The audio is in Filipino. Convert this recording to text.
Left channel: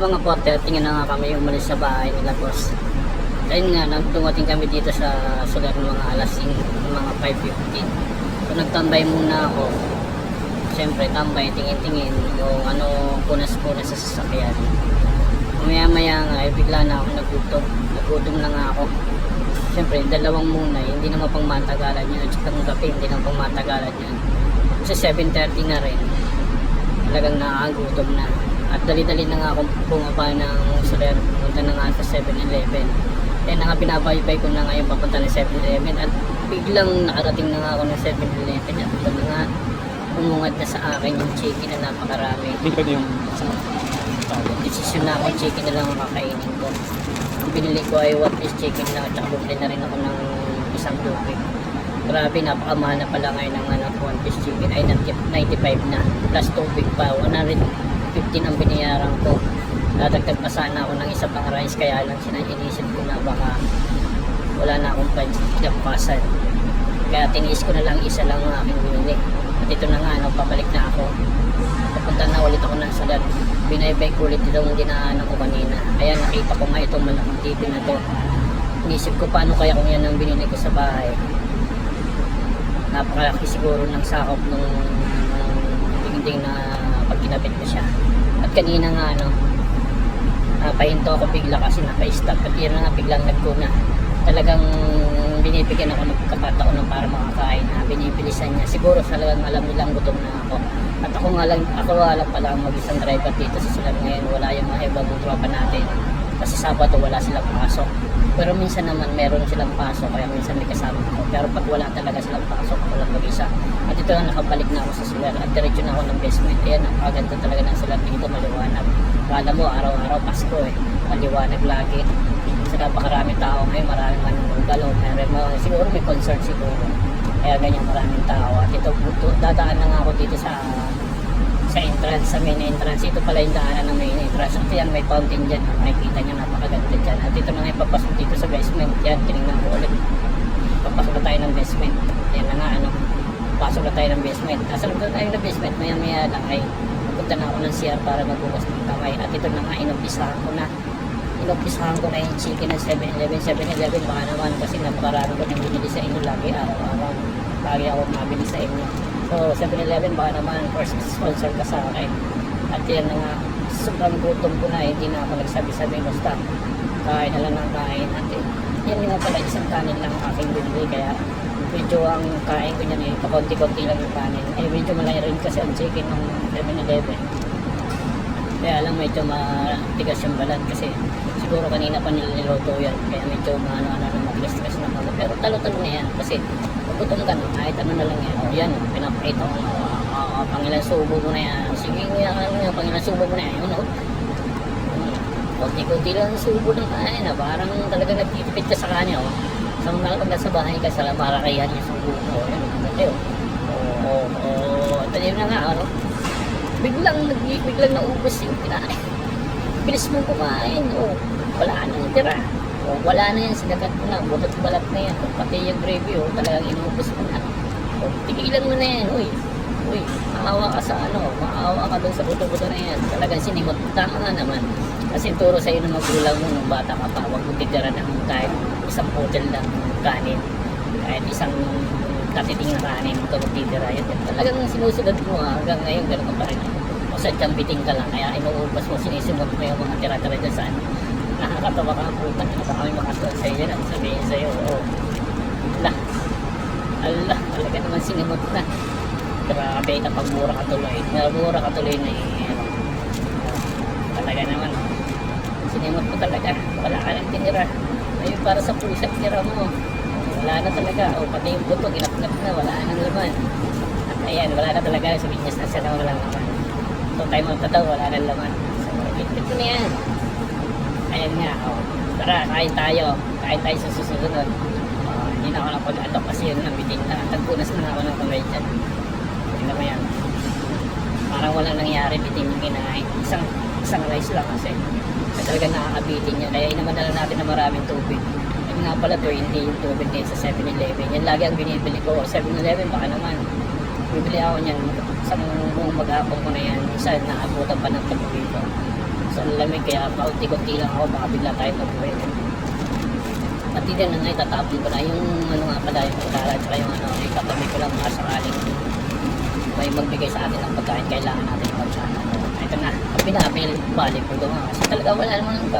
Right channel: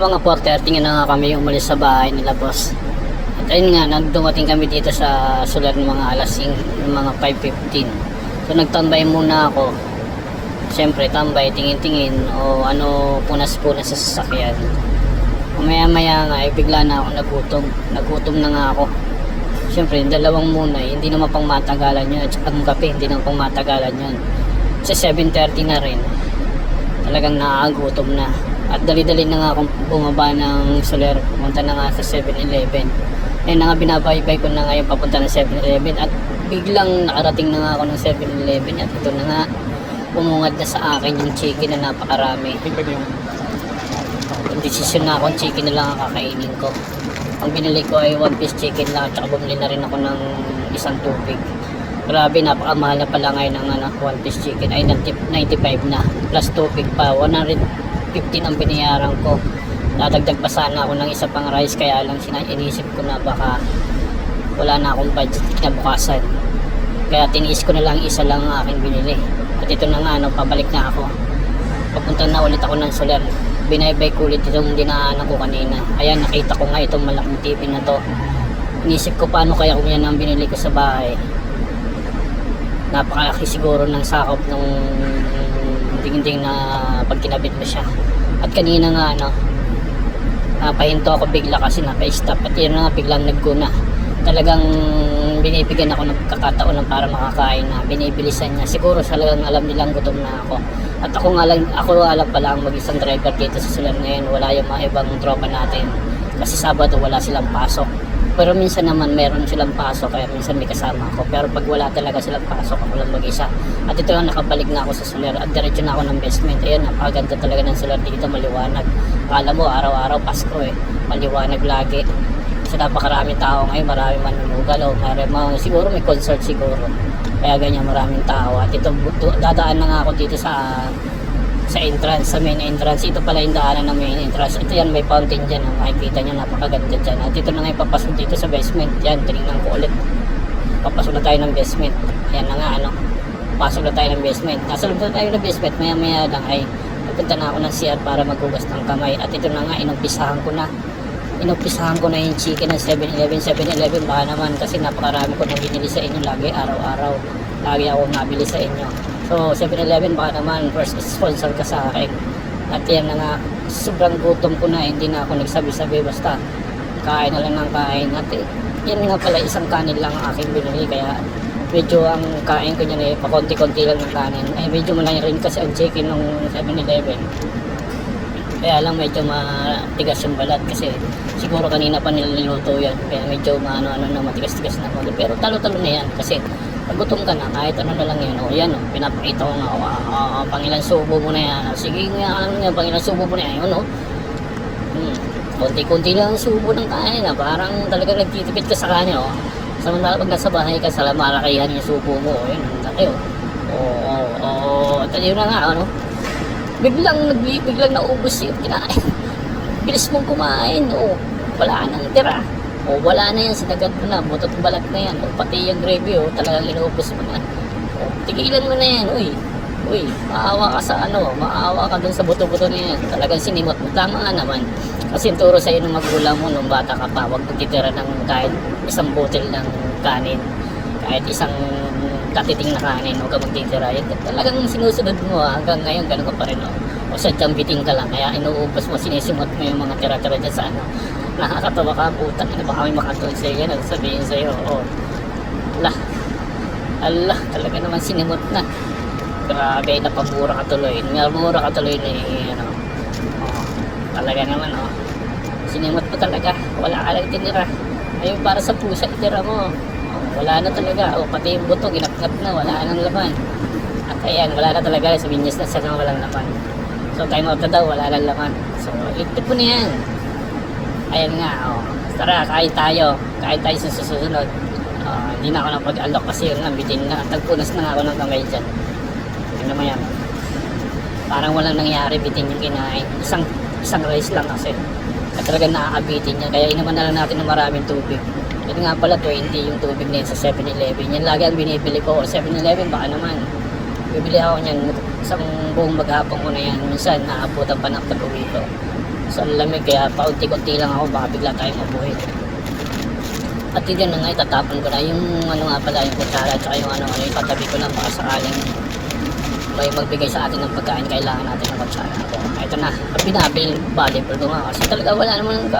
mga 4.30 nga na nga kami umalis sa bahay nila boss. At ayun nga, nagdumating kami dito sa sulat ng mga alas 5, mga 5.15. So nagtambay muna ako. Siyempre tambay, tingin-tingin o ano punas-punas sa sasakyan. Maya maya nga, eh, bigla na ako nagutom. Nagutom na nga ako. Siyempre, dalawang muna, eh, hindi naman pang matagalan yun. At ang kape, hindi naman pang matagalan yun. Sa 7.30 na rin, talagang nakakagutom na. At dali-dali na nga akong bumaba ng Soler, pumunta na nga sa 7-Eleven. Eh na nga binabaybay ko na ngayon papunta ng 7-Eleven at biglang nakarating na nga ako ng 7-Eleven at ito na nga umungad na sa akin yung chicken na napakarami. Hindi pwede yung... Yung decision na ako, chicken na lang ang kakainin ko. Ang binili ko ay one piece chicken lang at saka bumili na rin ako ng isang tubig. Grabe, napakamahal na pala ngayon ng ano, one piece chicken ay 90 95 na. Plus tubig pa, 150 ang binayaran ko. Dadagdag pa sana ako ng isa pang rice kaya lang sina ko na baka wala na akong budget kinabukasan. Kaya tiniis ko na lang isa lang ang aking binili. At ito na nga, no, pabalik na ako. Papunta na ulit ako ng Soler. Binaybay ko itong dinaanan ko kanina. Ayan, nakita ko nga itong malaking TV na to. Inisip ko paano kaya kung yan ang binili ko sa bahay. Napakalaki siguro ng sakop nung tingin na pag kinabit mo siya. At kanina nga, ano, napahinto ako bigla kasi naka-stop. At yun na nga, biglang nagkuna. Talagang binibigyan ako ng kakataon ng para makakain na binibilisan niya. Siguro talagang alam nilang gutom na ako. At ako nga lang, ako nga lang pala ang mag-isang driver dito sa Solar ngayon. Wala yung mga ibang tropa natin. Kasi Sabado wala silang pasok. Pero minsan naman meron silang pasok kaya minsan may kasama ako. Pero pag wala talaga silang pasok, ako lang mag-isa. At ito lang nakabalik na ako sa Solar at diretso na ako ng basement. Ayun, napakaganda talaga ng Solar dito, maliwanag. Kala mo araw-araw Pasko eh. Maliwanag lagi. Kasi napakaraming tao ngayon, maraming manunugal o maraming, siguro may concert siguro. Kaya ganyan maraming tao. At ito, dadaan na nga ako dito sa sa entrance, sa main entrance. Ito pala yung daanan ng main entrance. At yan, may fountain dyan. Ha. Makikita nyo, napakaganda dyan. At ito na nga yung papasok dito sa basement. Yan, tinignan ko ulit. Papasok na tayo ng basement. Yan na nga, ano. Pasok na tayo ng basement. Nasa loob na tayo ng basement. Maya maya lang ay pupunta na ako ng CR para magugas ng kamay. At ito na nga, inumpisahan ko na. Inumpisahan ko na yung chicken ng 7-Eleven. 7-Eleven, baka naman kasi napakarami ko nang binili sa inyo lagi, araw-araw. Lagi ako nabili sa inyo. So, 7-Eleven, baka naman first sponsor ka sa akin. At yan na nga, sobrang gutom ko na, hindi na ako nagsabi-sabi, basta kain na lang ng kain. At eh, yan nga pala, isang kanin lang ang aking binili, kaya medyo ang kain ko niyan eh, pakonti-konti lang ng kanin. Eh, medyo malaki rin kasi ang chicken ng 7-Eleven. Kaya lang medyo matigas yung balat kasi siguro kanina pa niluluto yan. Kaya medyo maano-ano na matigas-tigas na bago. Pero talo-talo na yan kasi pag gutom ka na kahit ano na lang yan. O yan, pinapakita ko nga. Uh, uh, pangilan subo mo na yan. Sige nga, ano nga, pangilan subo mo na yan. Yun, o. Hmm. Kunti-kunti lang ang subo ng kanin na parang talagang nagtitipid ka sa kanin. O. Samantala pag nasa bahay ka sa lamarakayan yung subo mo. O, yun, dati o. Oo, oo. Yun na nga, ano biglang nag biglang naubos yung kinain. Bilis mong kumain, oh, wala nang tira. Oh, wala na yan, sinagat mo na, putot balat na yan. Oh, pati yung gravy, oh, talagang inuubos mo na. Oh, tigilan mo na yan, uy. Uy, maawa ka sa ano, maawa ka dun sa buto-buto na yan. Talagang sinimot mo. Tama nga naman. Kasi turo sa'yo ng magulang mo nung bata ka pa, huwag magtitira ng kahit isang bottle ng kanin. Kahit isang katiting na kanin, huwag ka magtitira. Yan, talagang sinusunod mo ah, hanggang ngayon, ganun ka pa rin. Oh. O sadyang biting ka lang, kaya inuumpas mo, sinisimot mo yung mga tira-tira dyan sa ano. Nakakatawa ka, puta, hindi baka may makatulad sa'yo yan, ang sabihin sa'yo, oh, lah, Allah, talaga naman sinimot na. Grabe, napamura ka tuloy. Napamura ka tuloy ni, ano, oh, talaga naman, oh. Sinimot mo talaga, wala ka lang tinira. Ay, para sa pusa, tira mo. Oh, wala na talaga. O, pati yung buto, ginapnap na, wala nang laman. At ayan, wala na talaga. Suminyas na siya na wala laman. So, time out na daw, wala nang laman. So, itip ko na yan. Ayan nga, oh. Tara, kain tayo. Kain tayo sa susunod. Hindi na ako napag-alok kasi yun lang, bitin na. Tagpunas na ako ng kamay dyan. Tingnan mo yan. Parang walang nangyari, bitin yung kinain. Isang, isang rice lang kasi. At talagang nakakabitin niya. Kaya inaman na lang natin ng maraming tubig. Yan nga pala, 20 yung tubig na yun sa 7-Eleven. Yan lagi ang binibili ko. 7-Eleven, baka naman. Bibili ako niyan. Isang buong maghapon ko na yan. Minsan, naabutan pa ng tulog ito. sa lamig kaya paunti-kunti lang ako baka bigla tayo mabuhay. At yun na nga, itatapon ko na yung ano nga pala, yung kutsara at yung ano, yung patabi ko lang baka sakaling may magbigay sa atin ng pagkain, kailangan natin ng kutsara. Ito na, happy body ko nga kasi talaga wala naman